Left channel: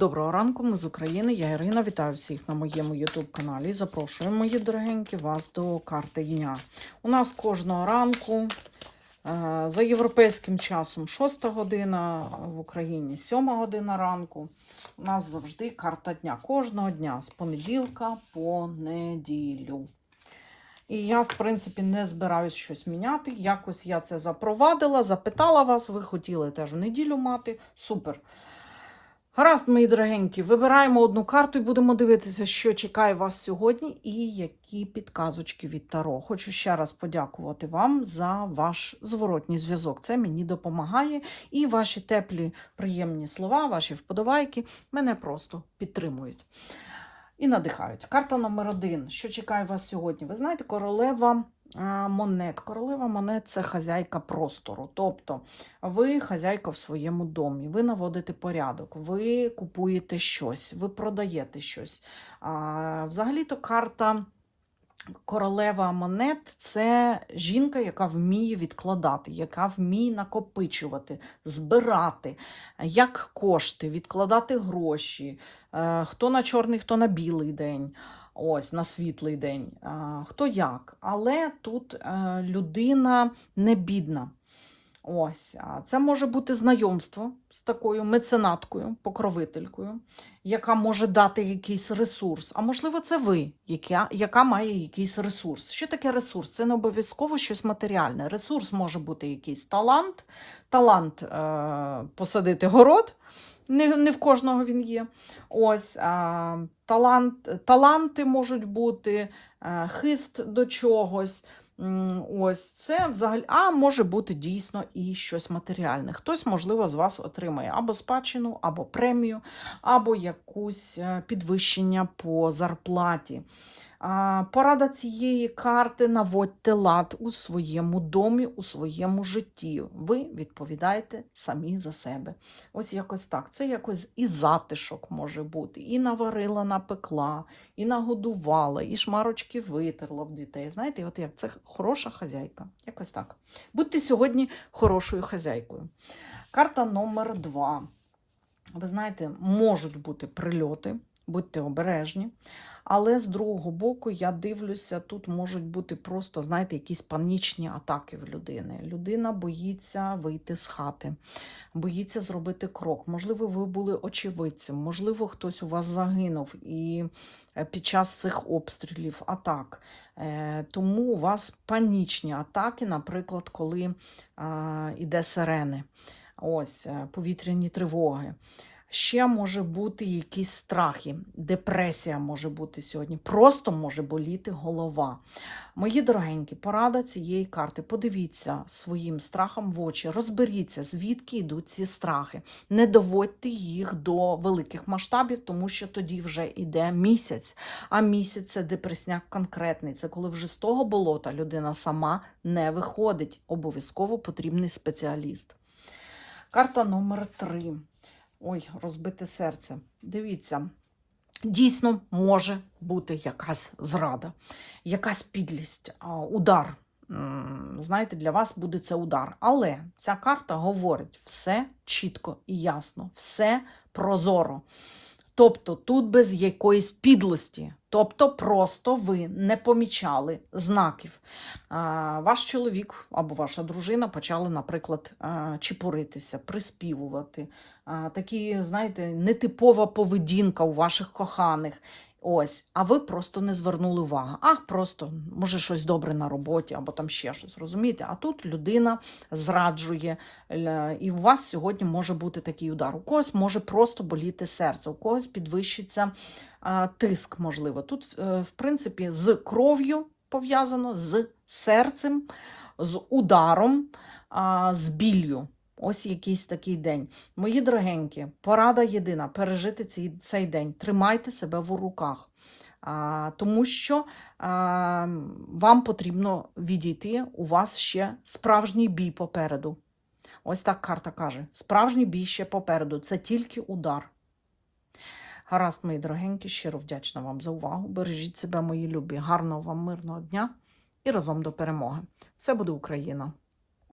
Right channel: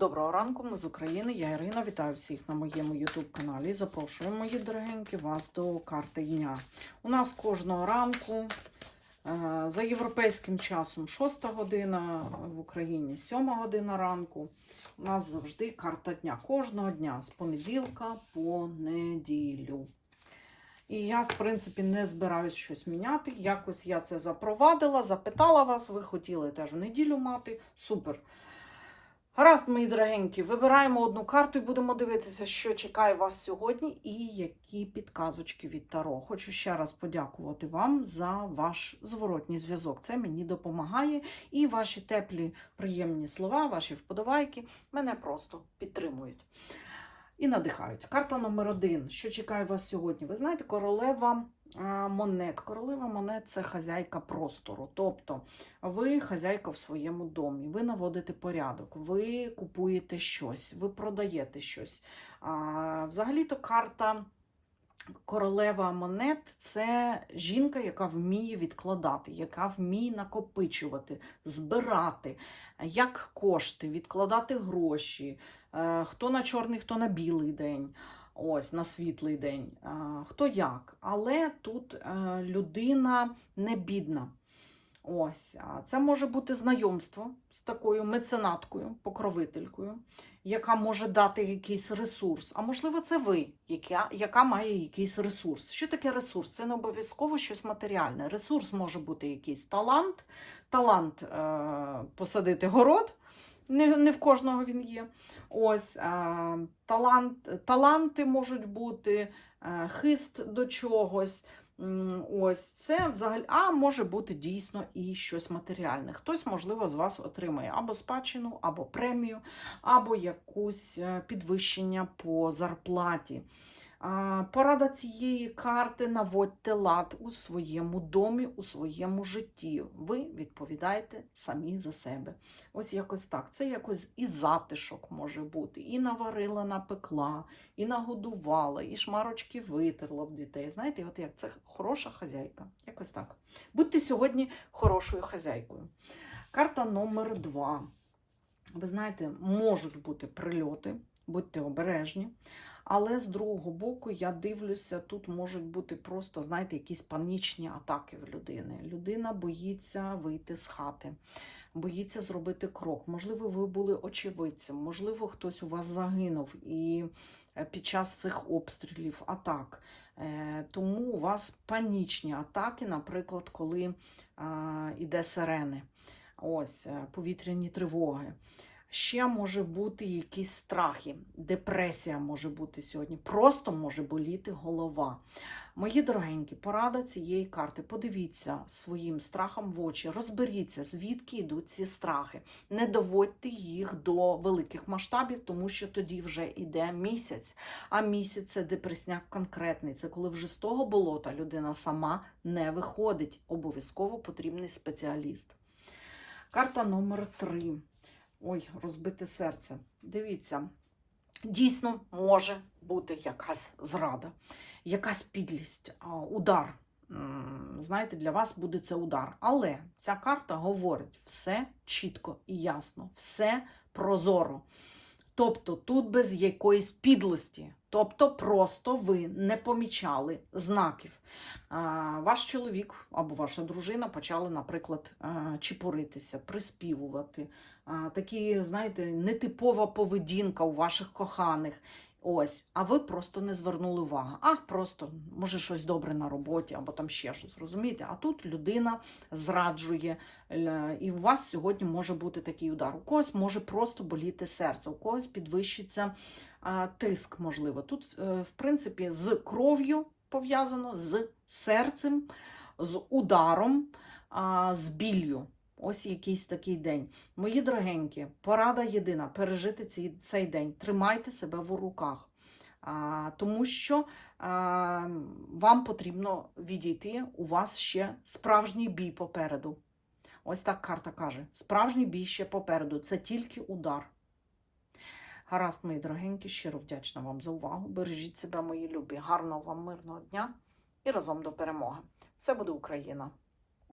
Доброго ранку, ми з України. Я Ірина. Вітаю всіх на моєму YouTube каналі. Запрошую, мої дорогенькі, вас до карти дня. У нас кожного ранку е, за європейським часом 6 година, в Україні 7 година ранку. У нас завжди карта дня. Кожного дня з понеділка по неділю. І я, в принципі, не збираюсь щось міняти. Якось я це запровадила, запитала вас, ви хотіли теж в неділю мати. Супер. Гаразд, мої дорогенькі, вибираємо одну карту і будемо дивитися, що чекає вас сьогодні і які підказочки від Таро. Хочу ще раз подякувати вам за ваш зворотній зв'язок. Це мені допомагає. І ваші теплі, приємні слова, ваші вподобайки мене просто підтримують. І надихають. Карта номер один. Що чекає вас сьогодні? Ви знаєте, королева монет. Королева монет це хазяйка простору. Тобто ви хазяйка в своєму домі, ви наводите порядок, ви купуєте щось, ви продаєте щось. Взагалі-то карта. Королева монет це жінка, яка вміє відкладати, яка вміє накопичувати, збирати як кошти, відкладати гроші, Е, хто на чорний, хто на білий день, ось на світлий день, хто як. Але тут е, людина не бідна. Ось, це може бути знайомство з такою меценаткою, покровителькою, яка може дати якийсь ресурс. А можливо, це ви, яка, яка має якийсь ресурс. Що таке ресурс? Це не обов'язково щось матеріальне. Ресурс може бути якийсь талант, талант е, посадити город. Не, не в кожного він є. Ось а, талант, таланти можуть бути, а, хист до чогось. Ось це взагалі, а може бути дійсно і щось матеріальне. Хтось, можливо, з вас отримає або спадщину, або премію, або якусь е, підвищення по зарплаті. Порада цієї карти наводьте лад у своєму домі, у своєму житті. Ви відповідаєте самі за себе. Ось якось так. Це якось і затишок може бути, і наварила, напекла, і нагодувала, і шмарочки витерла в дітей. Знаєте, от як це хороша хазяйка. Якось так. Будьте сьогодні хорошою хазяйкою. Карта номер два. Ви знаєте, можуть бути прильоти, будьте обережні. Але з другого боку, я дивлюся, тут можуть бути просто, знаєте, якісь панічні атаки в людини. Людина боїться вийти з хати, боїться зробити крок. Можливо, ви були очевидцем, можливо, хтось у вас загинув і е, під час цих обстрілів, атак. Е, Тому у вас панічні атаки, наприклад, коли іде сирени, ось е, повітряні тривоги. Ще може бути якісь страхи, депресія може бути сьогодні. Просто може боліти голова. Мої дорогенькі, порада цієї карти. Подивіться своїм страхам в очі, розберіться, звідки йдуть ці страхи. Не доводьте їх до великих масштабів, тому що тоді вже йде місяць. А місяць це депресняк конкретний. Це коли вже з того болота людина сама не виходить. Обов'язково потрібний спеціаліст. Карта номер 3. Ой, розбите серце. Дивіться, дійсно може бути якась зрада, якась підлість, удар. Знаєте, для вас буде це удар. Але ця карта говорить все чітко і ясно, все прозоро. Тобто тут без якоїсь підлості, тобто просто ви не помічали знаків. Ваш чоловік або ваша дружина почали, наприклад, а, чепуритися, приспівувати. Такі, знаєте, нетипова поведінка у ваших коханих. Ось, а ви просто не звернули увагу. А, просто, може, щось добре на роботі, або там ще щось, розумієте? А тут людина зраджує, і у вас сьогодні може бути такий удар. У когось може просто боліти серце, у когось підвищиться тиск, можливо. Тут, е, в принципі, з кров'ю пов'язано, з серцем, з ударом, з біллю. Ось якийсь такий день. Мої дорогенькі, порада єдина пережити цей, цей день. Тримайте себе в руках. А, тому що а, вам потрібно відійти, у вас ще справжній бій попереду. Ось так карта каже: справжній бій ще попереду. Це тільки удар. Гаразд, мої дорогенькі, щиро вдячна вам за увагу. Бережіть себе, мої любі. Гарного вам мирного дня і разом до перемоги. Все буде Україна!